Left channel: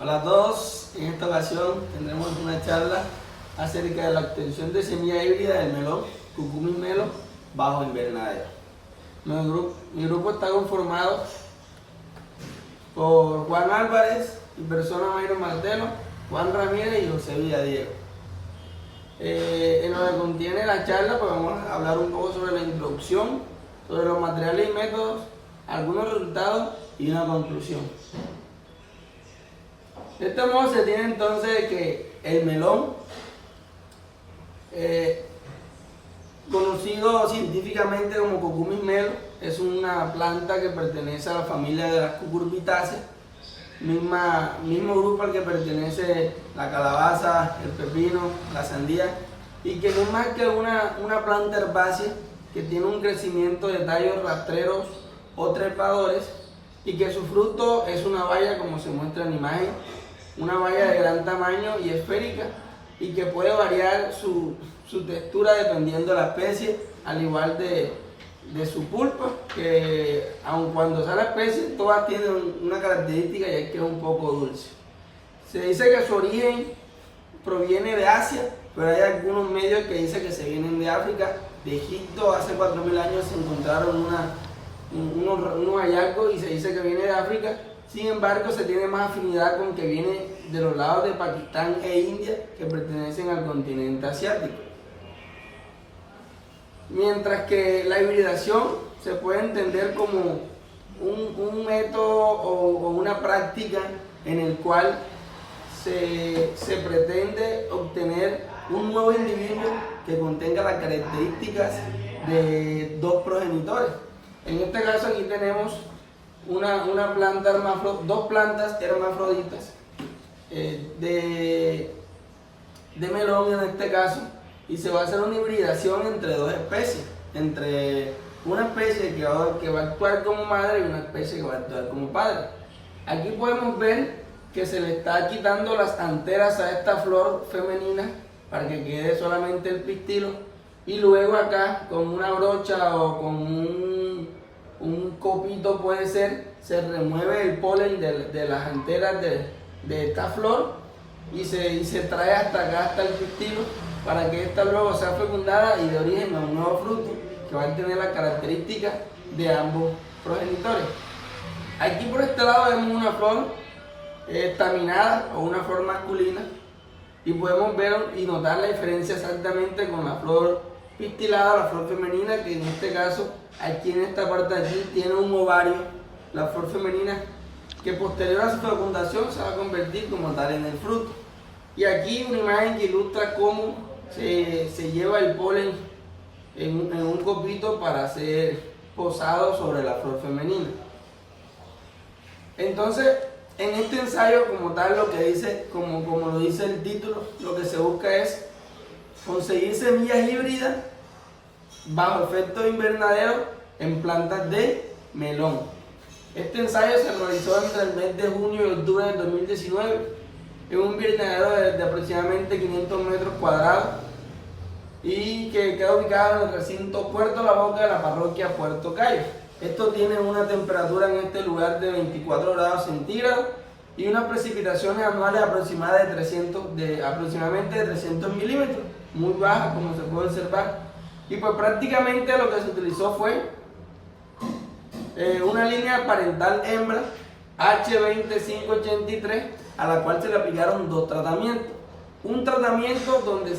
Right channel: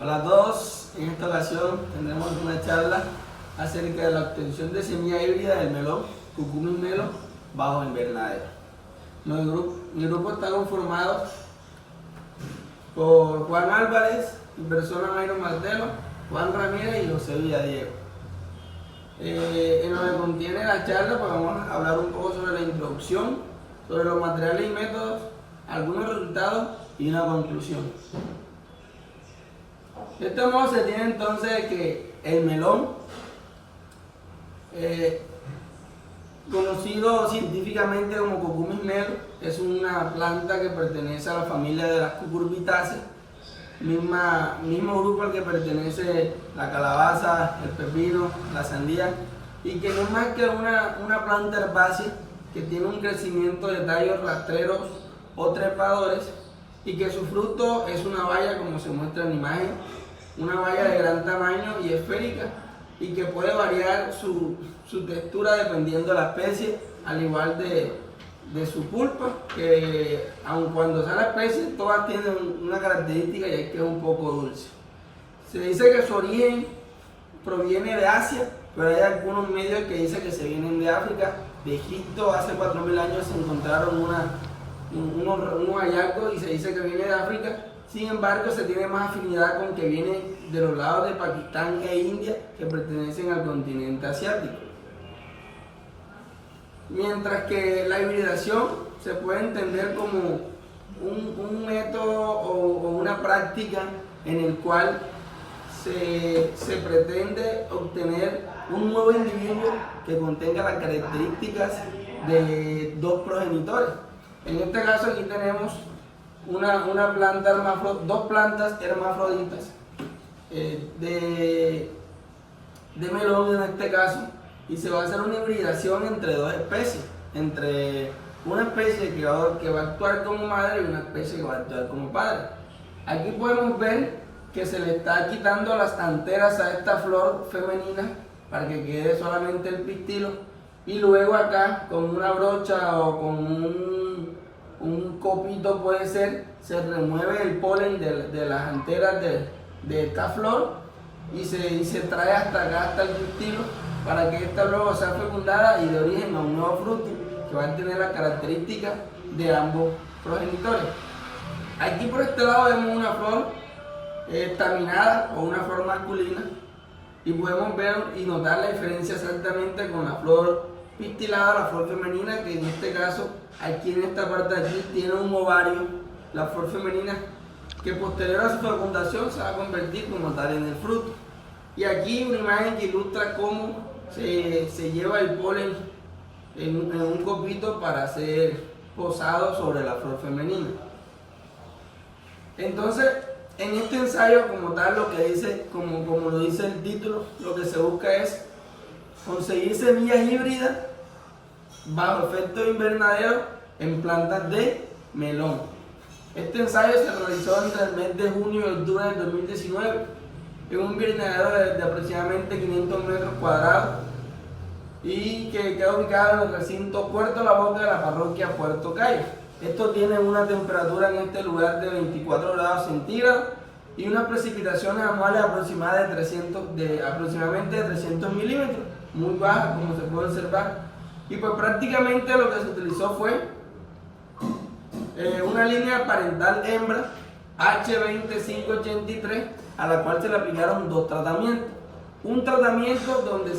Hola a todos, en esta ocasión tendremos una charla acerca de la obtención de semilla híbrida del melón Cucumis Melo bajo invernadero. Mi grupo está conformado por Juan Álvarez, mi persona Mayro Martelo, Juan Ramírez y José Villadiego. En lo que contiene la charla, pues vamos a hablar un poco sobre la introducción, sobre los materiales y métodos, algunos resultados y una conclusión. De este modo se tiene entonces que el melón, conocido científicamente como Cucumis Melo, es una planta que pertenece a la familia de las cucurbitáceas, mismo grupo al que pertenece la calabaza, el pepino, la sandía, y que no es más que una planta herbácea que tiene un crecimiento de tallos rastreros o trepadores y que su fruto es una baya, como se muestra en la imagen, una baya de gran tamaño y esférica, y que puede variar su textura dependiendo de la especie, al igual de su pulpa, que aun cuando sea la especie, todas tienen una característica y es que es un poco dulce. Se dice que su origen proviene de Asia, pero hay algunos medios que dicen que se vienen de África. De Egipto hace 4000 años se encontraron unos hallazgos y se dice que viene de África. Sin embargo, se tiene más afinidad con que viene de los lados de Pakistán e India, que pertenecen al continente asiático. Mientras que la hibridación se puede entender como un método o una práctica en el cual se pretende obtener un nuevo individuo que contenga las características de dos progenitores. En este caso aquí tenemos dos plantas hermafroditas de melón en este caso, y se va a hacer una hibridación entre dos especies, entre una especie que va a actuar como madre y una especie que va a actuar como padre. Aquí podemos ver que se le está quitando las anteras a esta flor femenina para que quede solamente el pistilo, y luego acá con una brocha o con un copito puede ser, se remueve el polen de las anteras de esta flor y se trae hasta acá, hasta el pistilo, para que esta luego sea fecundada y de origen a un nuevo fruto que va a tener las características de ambos progenitores. Aquí por este lado vemos una flor estaminada o una flor masculina, y podemos ver y notar la diferencia exactamente con la flor pistilada, la flor femenina, que en este caso aquí en esta parte de aquí tiene un ovario, la flor femenina, que posterior a su fecundación se va a convertir como tal en el fruto. Y aquí una imagen que ilustra cómo se lleva el polen en un copito para ser posado sobre la flor femenina. Entonces, en este ensayo como tal, lo que dice, como lo dice el título, lo que se busca es conseguir semillas híbridas bajo efecto invernadero en plantas de melón. Este ensayo se realizó entre el mes de junio y octubre del 2019 en un invernadero de aproximadamente 500 metros cuadrados y que queda ubicado en el recinto Puerto La Boca de la parroquia Puerto Cayo. Esto tiene una temperatura en este lugar de 24 grados centígrados y unas precipitaciones anuales aproximadamente de 300 milímetros, muy bajas como se puede observar. Y pues prácticamente lo que se utilizó fue una línea parental hembra H2583, a la cual se le aplicaron dos tratamientos. Un tratamiento donde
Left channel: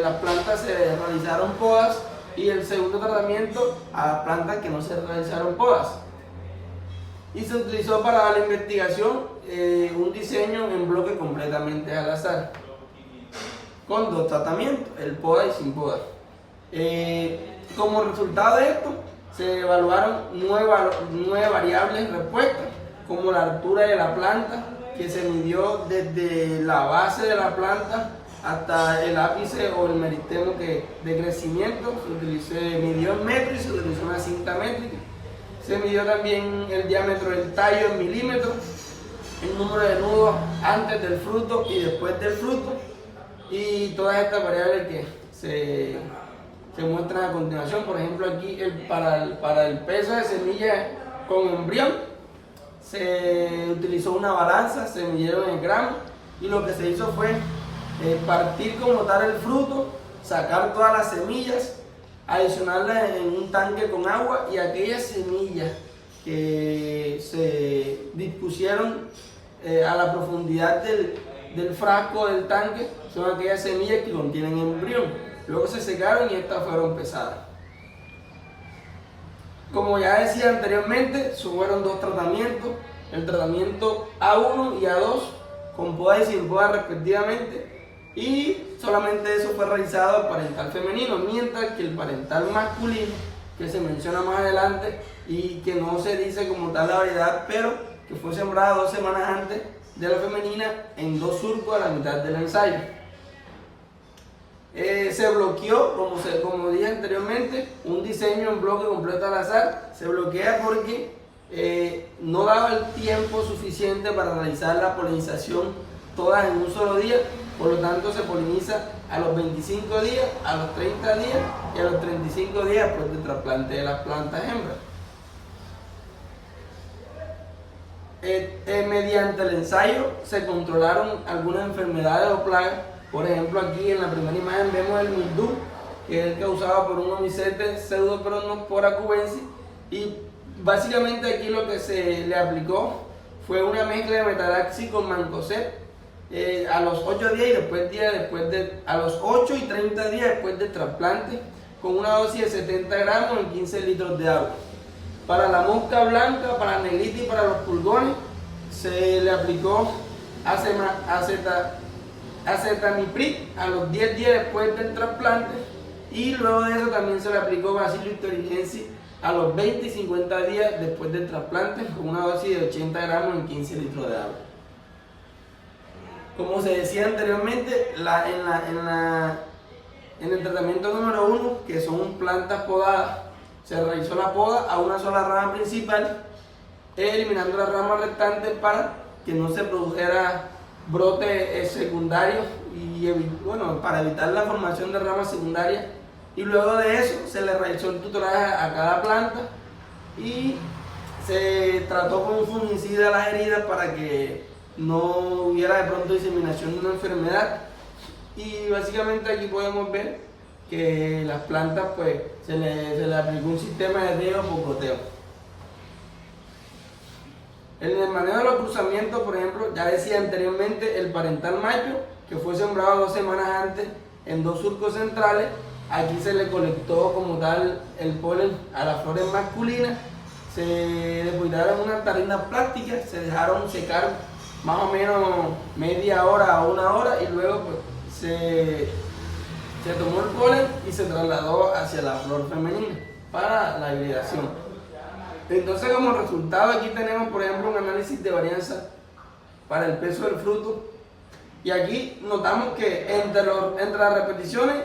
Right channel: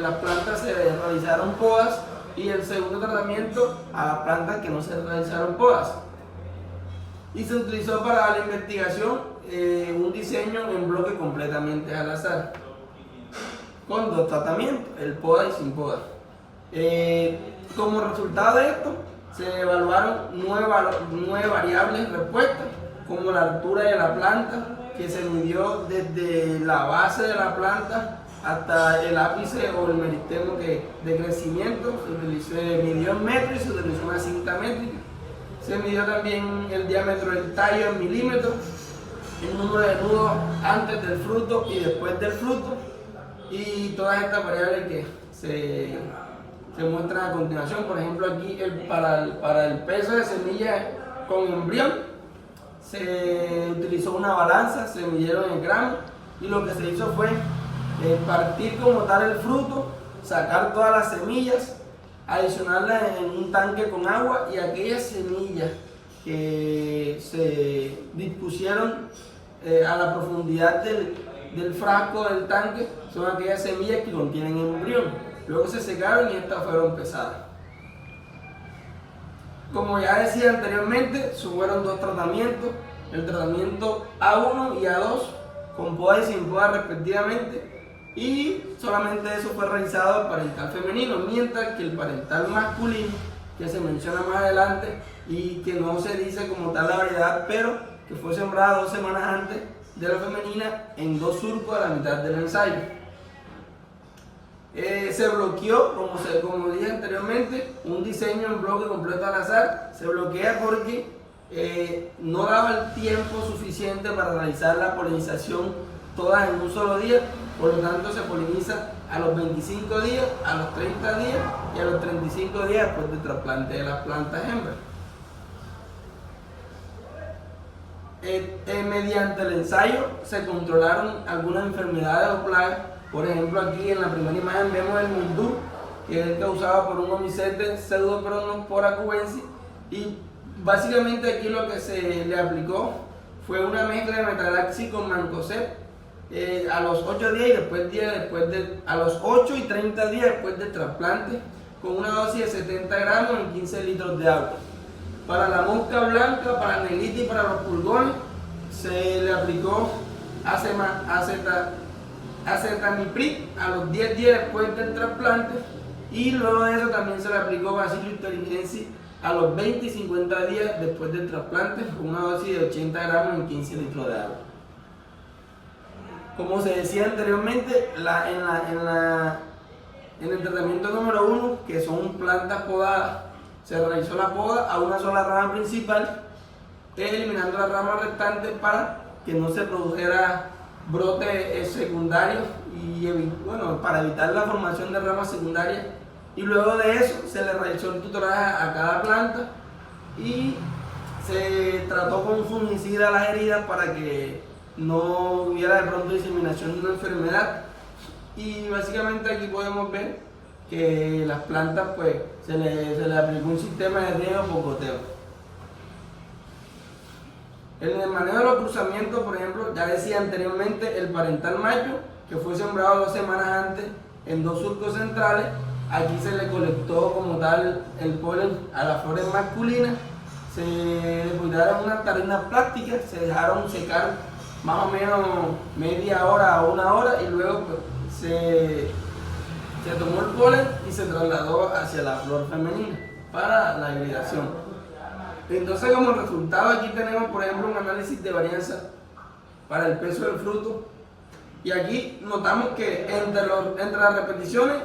las plantas se realizaron podas, y el segundo tratamiento a plantas que no se realizaron podas. Y se utilizó para la investigación un diseño en bloque completamente al azar, con dos tratamientos, el poda y sin poda. Como resultado de esto, se evaluaron nueve variables respuestas, como la altura de la planta, que se midió desde la base de la planta hasta el ápice o el meristemo de crecimiento. Se midió en metros y se utilizó una cinta métrica. Se midió también el diámetro del tallo en milímetros, el número de nudos antes del fruto y después del fruto, y todas estas variables que se muestran a continuación. Por ejemplo, aquí para el peso de semilla con embrión se utilizó una balanza, se midieron en gramos y lo que se hizo fue partir como tal el fruto, sacar todas las semillas, adicionarlas en un tanque con agua y aquellas semillas que se dispusieron a la profundidad del frasco del tanque son aquellas semillas que contienen embrión. Luego se secaron y estas fueron pesadas. Como ya decía anteriormente, fueron dos tratamientos, el tratamiento A1 y A2, con poda y sin poda respectivamente, y solamente eso fue realizado al parental femenino, mientras que el parental masculino, que se menciona más adelante y que no se dice como tal la variedad, pero que fue sembrada 2 semanas antes de la femenina en 2 surcos a la mitad del ensayo. Se bloqueó, como dije anteriormente, un diseño en bloque completo al azar. Se bloquea porque no daba el tiempo suficiente para realizar la polinización todas en un solo día, por lo tanto se poliniza a los 25 días, a los 30 días y a los 35 días después del trasplante de las plantas hembras. Mediante el ensayo se controlaron algunas enfermedades o plagas. Por ejemplo, aquí en la primera imagen vemos el mildiu, que es causado por un Omicete Pseudoperonospora cubensis, y básicamente aquí lo que se le aplicó fue una mezcla de metalaxi con mancozeb a los 8 días y a los 8 y 30 días después del trasplante, con una dosis de 70 gramos en 15 litros de agua. Para la mosca blanca, para negrita y para los pulgones se le aplicó acetamiprid a los 10 días después del trasplante, y luego de eso también se le aplicó Bacillus thuringiensis a los 20 y 50 días después del trasplante, con una dosis de 80 gramos en 15 litros de agua. Como se decía anteriormente, en el tratamiento número 1, que son plantas podadas, se realizó la poda a una sola rama principal, eliminando las ramas restantes para que no se produjera brote secundario y para evitar la formación de ramas secundarias. Y luego de eso se le realizó el tutoraje a cada planta y se trató con un fungicida las heridas para que no hubiera de pronto diseminación de una enfermedad. Y básicamente aquí podemos ver que las plantas pues se le aplicó un sistema de riego por goteo. En el manejo de los cruzamientos, por ejemplo, ya decía anteriormente, el parental macho, que fue sembrado 2 semanas antes en 2 surcos centrales, aquí se le colectó como tal el polen a las flores masculinas, se le cuidaron unas tarrinas plásticas, se dejaron secar más o menos media hora a 1 hora y luego pues, se tomó el polen y se trasladó hacia la flor femenina para la hibridación. Entonces, como resultado aquí tenemos, por ejemplo, un análisis de varianza para el peso del fruto, y aquí notamos que entre las repeticiones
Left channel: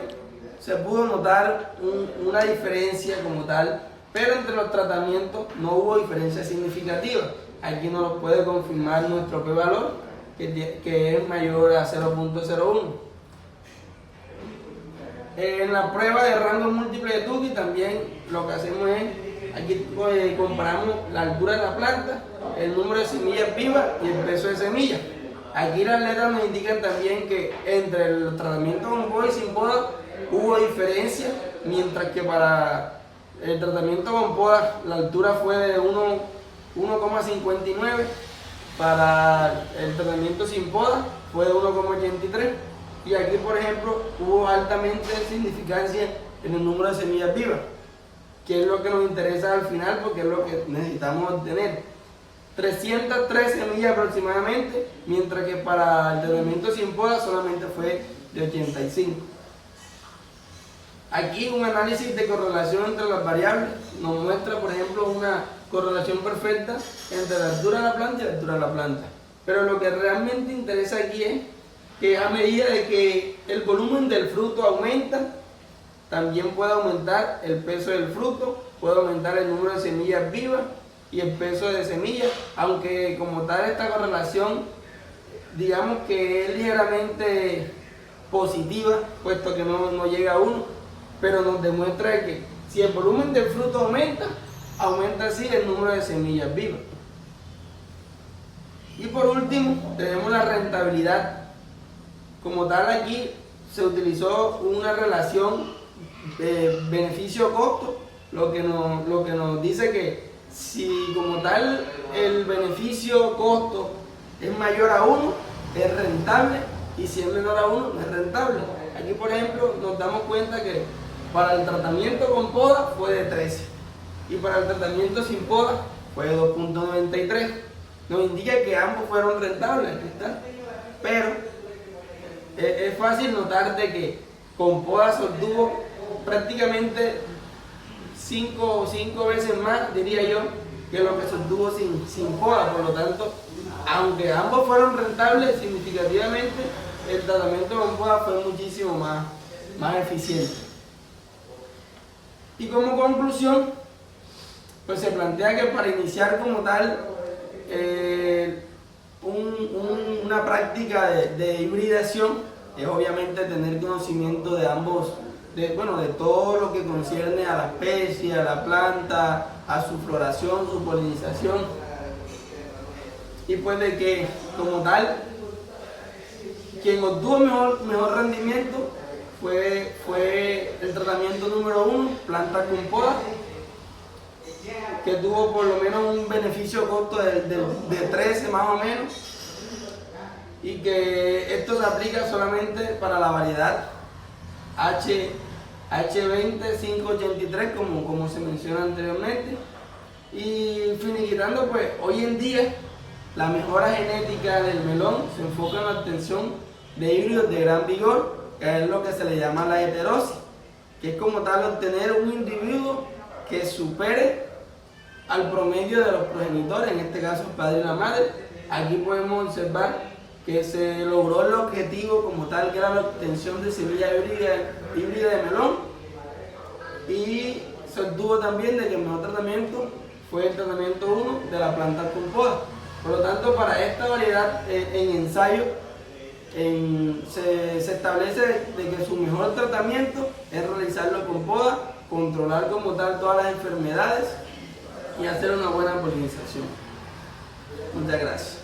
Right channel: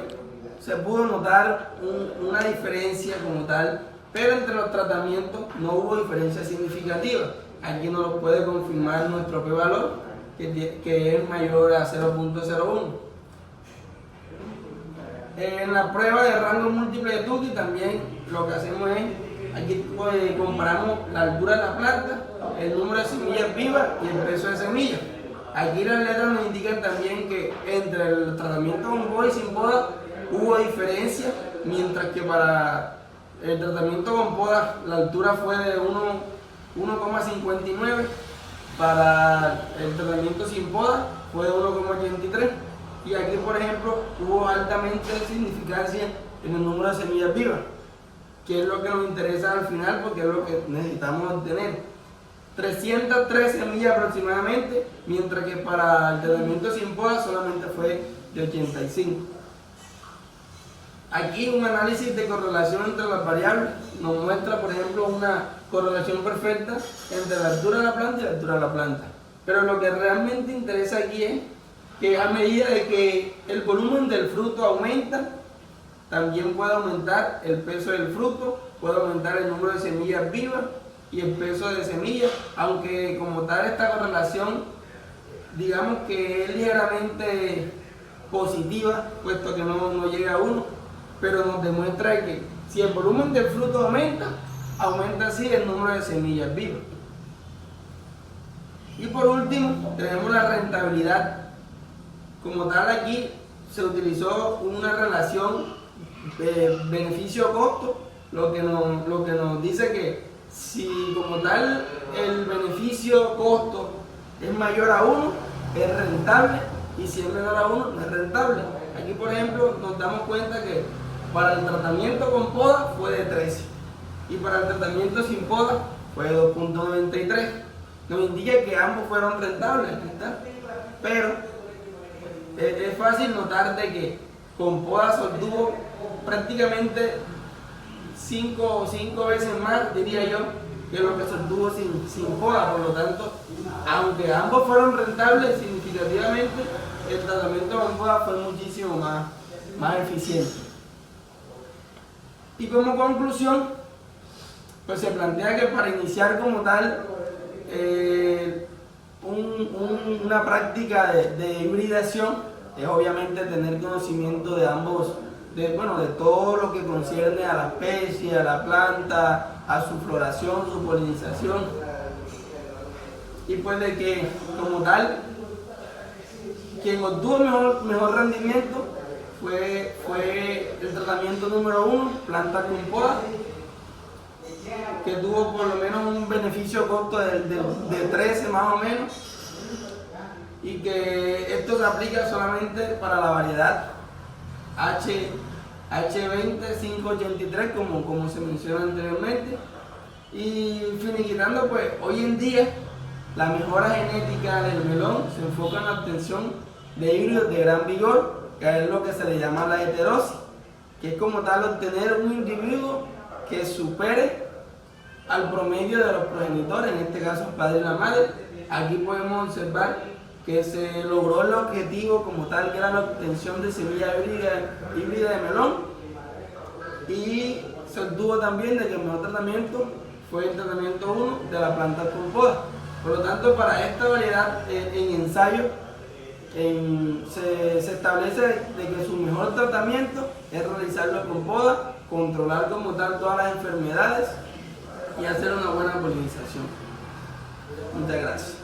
se pudo notar una diferencia como tal, pero entre los tratamientos no hubo diferencia significativa. Aquí nos lo puede confirmar nuestro p-valor, que es mayor a 0.01. En la prueba de rango múltiple de Tukey también lo que hacemos es, aquí comparamos la altura de la planta, el número de semillas vivas y el peso de semillas. Aquí las letras nos indican también que entre el tratamiento con poda y sin poda hubo diferencia, mientras que para el tratamiento con poda la altura fue de 1,59, para el tratamiento sin poda fue de 1,83. Y aquí, por ejemplo, hubo altamente significancia en el número de semillas vivas, que es lo que nos interesa al final porque es lo que necesitamos obtener. 303 semillas aproximadamente, mientras que para el tratamiento sin poda solamente fue de 85. Aquí un análisis de correlación entre las variables nos muestra, por ejemplo, una correlación perfecta entre la altura de la planta y la altura de la planta. Pero lo que realmente interesa aquí es que a medida de que el volumen del fruto aumenta, también puede aumentar el peso del fruto, puede aumentar el número de semillas vivas y el peso de semillas, aunque como tal esta correlación, digamos que es ligeramente positiva, puesto que no llega a 1, pero nos demuestra que si el volumen del fruto aumenta, aumenta así el número de semillas vivas. Y por último, tenemos la rentabilidad. Como tal, aquí se utilizó una relación de beneficio-costo, lo que nos dice que si como tal el beneficio-costo es mayor a 1, es rentable, y si es menor a 1, no es rentable. Aquí, por ejemplo, nos damos cuenta que para el tratamiento con poda fue de 13 y para el tratamiento sin poda fue de 2.93. Nos indica que ambos fueron rentables, ¿está? Pero es fácil notar de que con poda se obtuvo prácticamente 5 veces más, diría yo, que lo que se obtuvo sin poda. Por lo tanto, aunque ambos fueron rentables, significativamente el tratamiento con poda fue muchísimo más eficiente. Y como conclusión, pues se plantea que para iniciar como tal una práctica de hibridación es obviamente tener conocimiento de ambos, de todo lo que concierne a la especie, a la planta, a su floración, su polinización, y pues de que como tal quien obtuvo mejor rendimiento fue el tratamiento número 1, planta con poda, que tuvo por lo menos un beneficio costo de 13 más o menos, y que esto se aplica solamente para la variedad H20-583 como se menciona anteriormente. Y finiquitando, pues hoy en día la mejora genética del melón se enfoca en la obtención de híbridos de gran vigor, que es lo que se le llama la heterosis, que es como tal obtener un individuo que supere al promedio de los progenitores, en este caso el padre y la madre. Aquí podemos observar que se logró el objetivo como tal, que era la obtención de semilla híbrida de melón, y se obtuvo también de que el mejor tratamiento fue el tratamiento 1 de la planta con poda. Por lo tanto, para esta variedad en ensayo se establece de que su mejor tratamiento es realizarlo con poda, controlar como tal todas las enfermedades y hacer una buena polinización. Muchas gracias.